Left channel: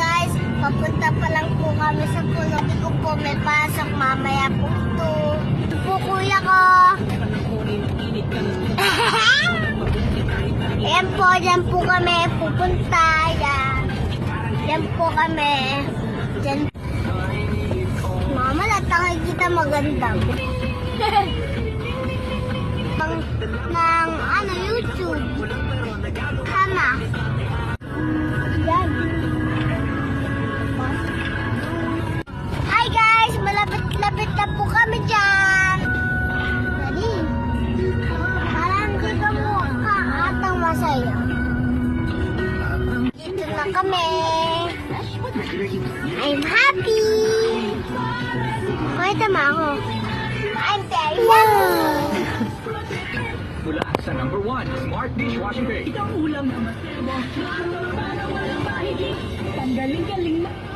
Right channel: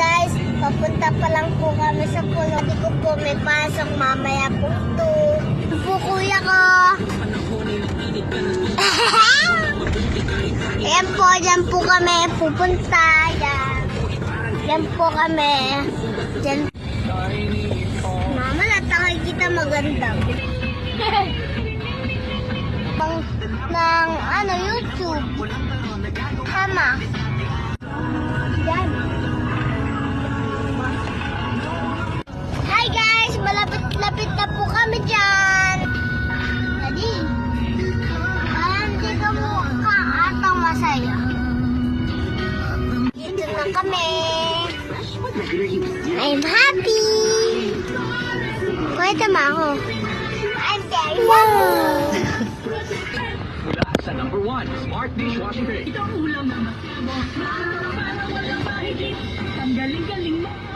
guys, papunta pa lang po kami sa pulo. Hindi ko po may pasok mamaya po to. Po kuya ko. Ayan po, dyan po kami pupunta. Yan po kami. Dyan. Mama, natangay kita maganda. ng YouTube. Tama. Yan. Hi guys! Malapit-lapit na po kami dyan. Dali. Parang di ka mukha atong masaya. Dito na kami. I'm happy. Pwede ma ako. I'm very happy. Mula sa number 1, Smart Dishwashing Tray. Ito ang ulam. Tanggalin-galing.